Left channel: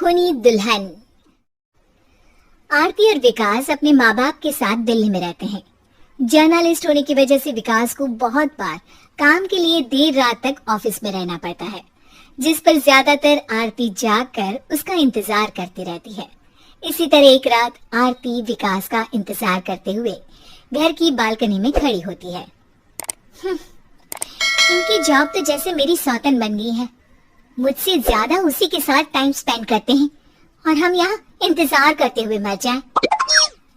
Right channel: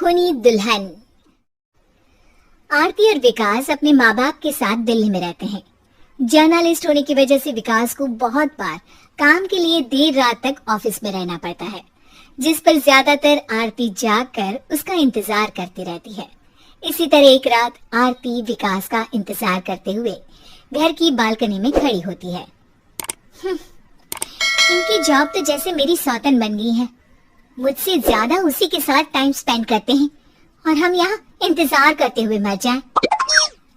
खूनी दुल्हन। आरती और विकास अपने माँ बाप के साथ दिल्ली में रहते हैं। जर्नलिस्ट होने की वजह से विकास को बहुत बार काम के लिए देर रात तक ऑफिस में रहना पड़ता है, जिस पर ज्यादातर आरती जागकर उसका इंतजार करती रहती है। इसी तरह एक रात आरती विकास का इंतजार करते हुए घर की बालकनी में खड़ी होती है। इनकी जॉब तो जैसे मेरी सौतन बन गई है। मुझसे ज्यादा उसी के साथ टाइम स्पेंड करते हैं और हम यहाँ इंतजार करते हुए मर जाएं।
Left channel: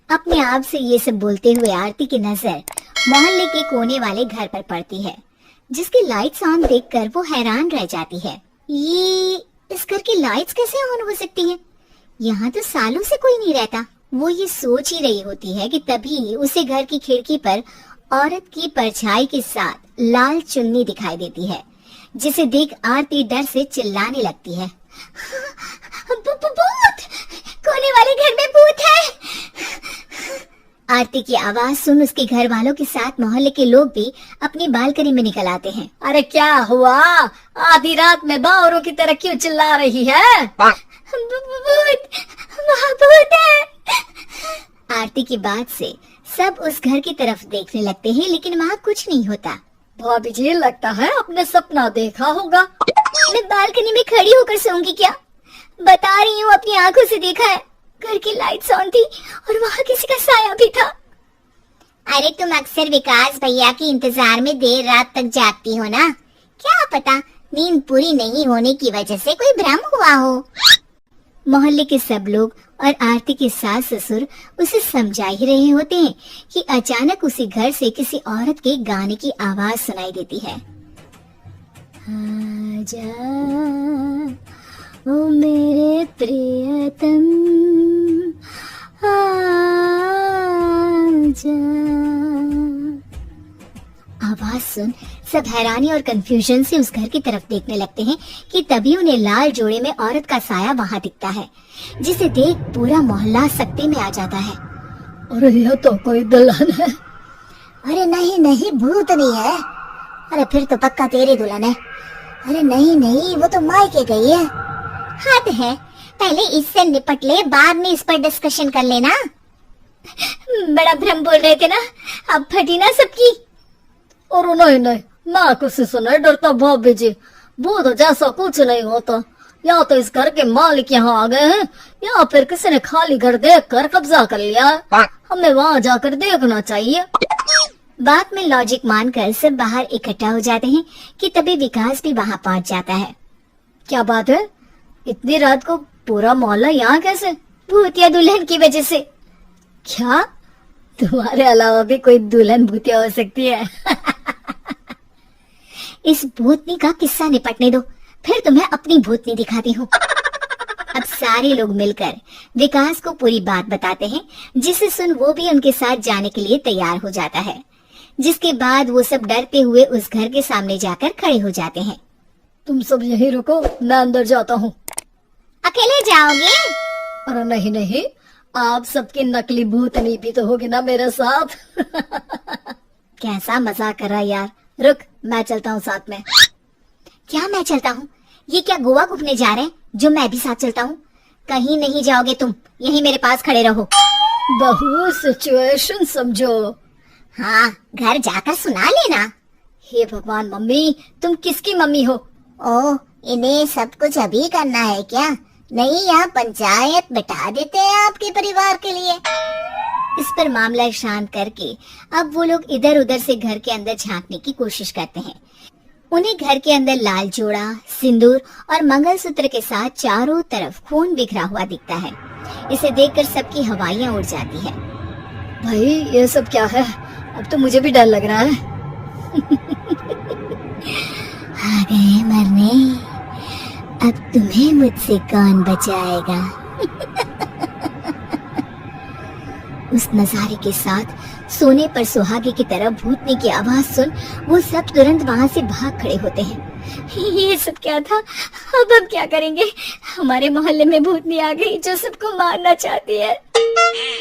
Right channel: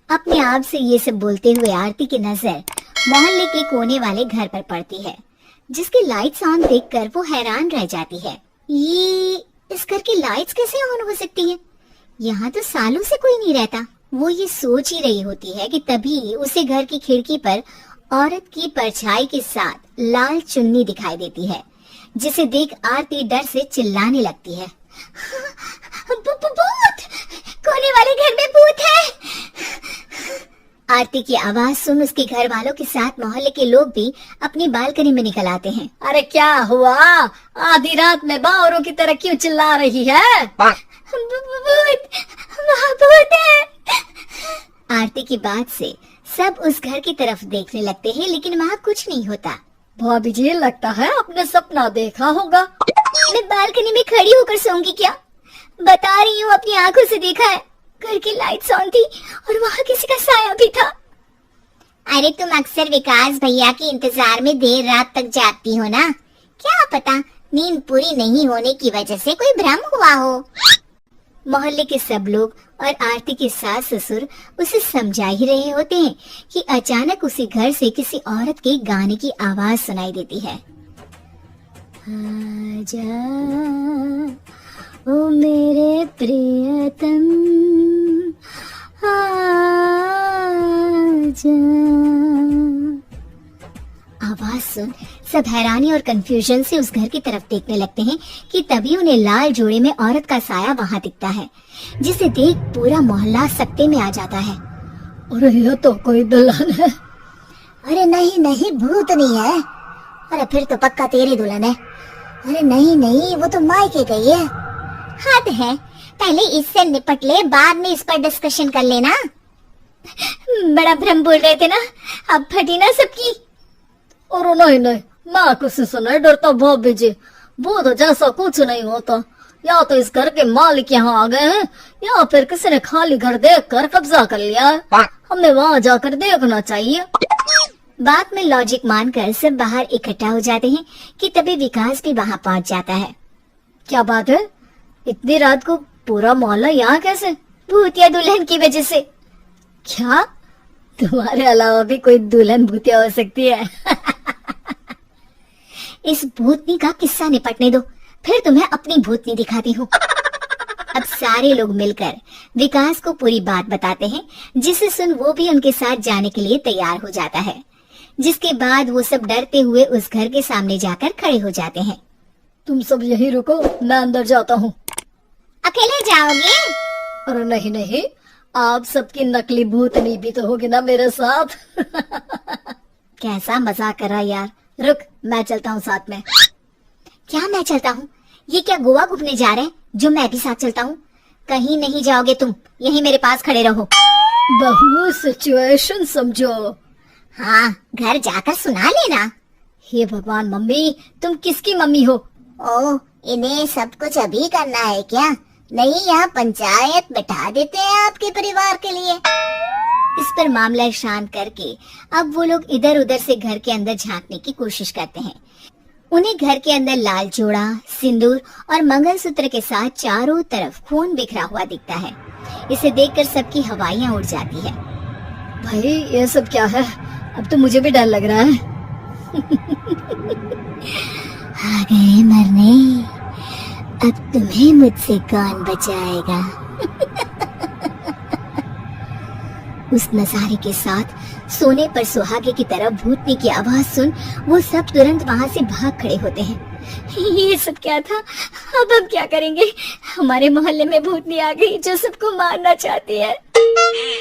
अपने आप से ये सब बोलते हुए आरती की नजर मोहल्ले के कोने वाले घर पर पड़ती है, जिसकी लाइट्स ऑन देखकर वो हैरान रह जाती है। ये इस घर की लाइट्स कैसे ऑन हो सकती है? यहाँ तो सालों से कोई नहीं रहता। वो ये सोच ही रही होती है कि तभी उसे घर की खिड़की पर औरत की परछाई के साथ लाल चुन्नी दिखाई देती है, जिसे देख आरती डर से चिल्लाने लगती है। भूत! कोने वाले घर में भूत है। आरती की आवाज सुन उसके घर वालों के साथ मोहल्ले के लोग भी अपनी बालकनी में निकल आते हैं। अरे क्या हुआ? आधी रात में बावरों की तरह क्यों चिल्ला रही है? भूत! वहाँ भूत है। आरती की बात से सब उस घर की तरफ देखने लगते हैं, लेकिन वहाँ कुछ नहीं होता। भाभी जी, लगता है आपने सपना देखा होगा। मैं बालकनी में खड़ी होकर सोऊंगी क्या? बता रही हूँ, अपनी आंखों से देखा है। घर की लाइट्स ऑन थी और वहाँ किसी का साया भी था। अरे तुम अक्सर विकास भैया के इंतजार में देर रात तक जागती हो ना, क्या पता नींद पूरी नहीं होने की वजह से कोई भ्रम हुआ हो। मोहल्ले के सब लोग और आरती के सास ससुर उसे समझा ही रहे होते हैं कि अचानक उसे घर से किसी औरत के गाने की आवाज सुनाई देती है। आजा ओ मेरे प्रियतम, आजा। आवाज सुन सब हैरानी और कंफ्यूजन से उस घर की तरफ देखने लगते हैं कि तभी उन्हें लाल जोड़े में औरत का साया वहाँ दिखता है, जिसे देख पूरा मोहल्ला सकते में आ जाता है। अरे ये तो कोई दुल्हन है। अरे नहीं नहीं, भूत नहीं है। अरे फिर तो पक्का तेरी दुल्हन है। अरे नहीं नहीं, वो तो मायके गई है। हद है, पहले इससे निपट ले, बाद में इस पर डिस्कशन कर लेना। बड़ा भ्रम बोल रहे थे ना, अब फटी ना सबकी। और नहीं नहीं, मैं किसी से नहीं डरता भाभी जी। भूत जैसा कुछ नहीं होता। या तो इस घर के मालिक यहाँ आ गए हैं, या फिर किसी ने खाली घर देख कर कब्जा कर लिया है। हमें वहाँ जाकर देखना चाहिए। बात में लॉजिक मानकर सब बाहर इकट्ठा हो जाते हैं कि तभी विकास भी वहाँ पहुँच जाता है। क्या बात है? इतनी रात को पूरा मोहल्ला यहाँ कैसे? भूतिया दुल्हन की वजह से। क्या तुम्हारे अलावा भी कोई दुल्हन भूतिया हो सकती है? इस भूतनी का किस्सा निपटने दो, फिर तुम्हें अपनी भूतनी दिखाती हूँ। अब सारे लोग मिलकर विकास को पूरी बात बताते हैं, जिसे सुन वो भी उनके साथ जाने के लिए तैयार हो जाता है। जिसके बाद वो सब डरते हुए उस घर के सामने जाकर खड़े हो जाते हैं। तुम सब यहीं रुको, मैं अंदर जाता हूँ। अकेले जाओगे? अरे नहीं नहीं, आप सबकी नकली भूतनी भी तो होगी ना मेरे साथ। कैसा मजाक कर रहा है यार। रुक, मैं चलता हूँ साथ में। क्या मैं चलता हूँ? ये क्या गोवा घूमने जा रहे हैं जो मैं भी साथ चलता हूँ? कहीं नहीं जाओगे तुम, यहीं मेरे पास खड़े रहो। बहू सिचुएशन समझो। हाँ, घर जाकर सुना लेना। हे भगवान, मम्मी तुम किसकी मम्मी हो? ओह, इन्हें सब कुछ अभी करना है क्या? नहीं, यहाँ पंचायत बैठा देते हैं आपके परिवार के लिए। इस पर मामला शांत करके अब वो लोग इधर उधर से घर के अंदर झांकने की कोशिश करते हैं। उन्हें घर के अंदर लाल जोड़ा, सिंदूर और मंगलसूत्र के साथ चारों तरफ खून बिखरा हुआ दिखता है। इसे देखकर सबकी हवाइयां उड़ जाती है। भाई ये सब क्या है? अब तो मुझे भी डर लग रहा है। आ गए मरने, अब तुम्हें मुझसे कौन बचाएगा? उस नजारे के साथ सोने पर सुहागे की तरह भूतनी की आवाज सुन वो सब तुरंत वहाँ से भाग खड़े होते हैं। ये सब क्या था? अब हम क्या करेंगे? हमारे मोहल्ले में भूतनी आ गई जो सबको मारना चाहती है।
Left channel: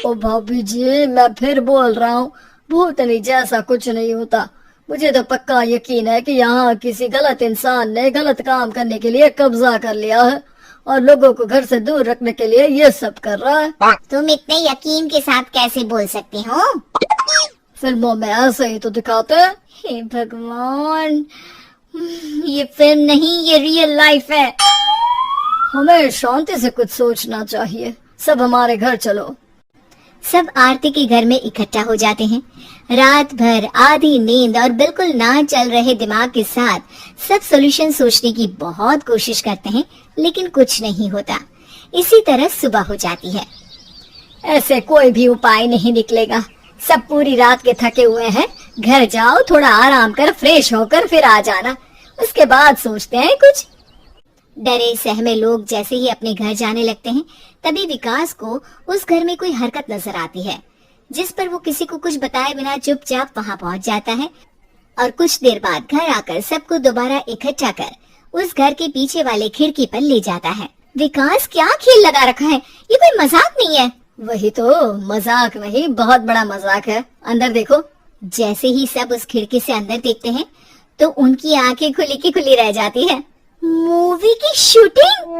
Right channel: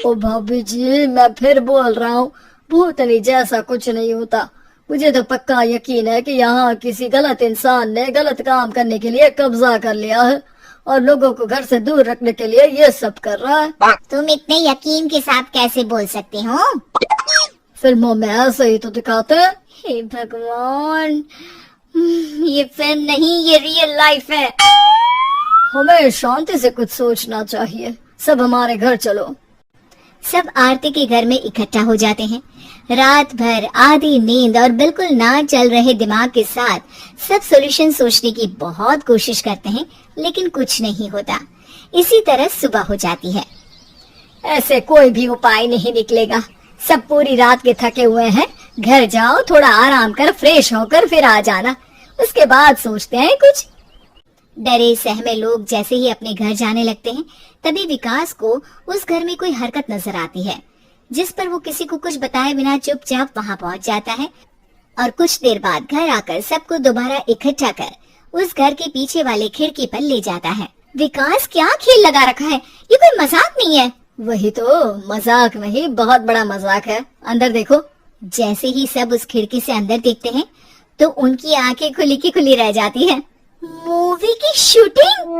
ओ भाभी जी, मैं फिर बोल रहा हूँ, भूतनी जैसा कुछ नहीं होता। मुझे तो पक्का यकीन है कि यहाँ किसी गलत इंसान ने गलत काम करने के लिए कब्जा कर लिया है और लोगों को घर से दूर रखने के लिए ये सब कर रहा है। तुम इतने यकीन के साथ कैसे बोल सकते हो? फिल्मों में ऐसे ही तो दिखाते हैं। हे भगवान, ये फिल्म नहीं, ये रियल लाइफ है। हमें शांति से कुछ सोचना चाहिए। सब हमारे घर चलो। सब आरती के घर में इकट्ठा हो जाते हैं। रात भर आधी नींद और बिल्कुल ना चल रहे दिमाग के साथ सब सॉल्यूशन सोचने की बहुत कोशिश करते हैं, लेकिन कुछ नहीं होता। इसी तरह सुबह हो जाती है। ऐसे कोई भी उपाय नहीं निकलेगा। सब पूरी रात के थके हुए हैं। घर जाओ, थोड़ा आराम कर, फ्रेश होकर फिर आ जाना, उसके बाद सोचते हैं कुछ। डरे सहमे लोग जैसे ही अपने घर जाने लगते हैं, तभी विकास को उस घर में कोई हरकत नजर आती है, जिस पर वो किसी को कुछ बताए बिना चुपचाप वहां पहुंच जाता है और कुछ देर बाद घर आकर सबको दोबारा इकट्ठा कर उस घर के पीछे वाले खिड़की पर ले जाता है। विकास, क्या खेल लगा रखा है? ये कोई मजाक नहीं है। वही तो, मजाक नहीं, बहुत बड़ा मजाक है। अंदर देखो। जैसे ही सब उस खिड़की से अंदर देखते हैं तो उनकी आंखें खुली की खुली रह जाती है। मूवी की शूटिंग?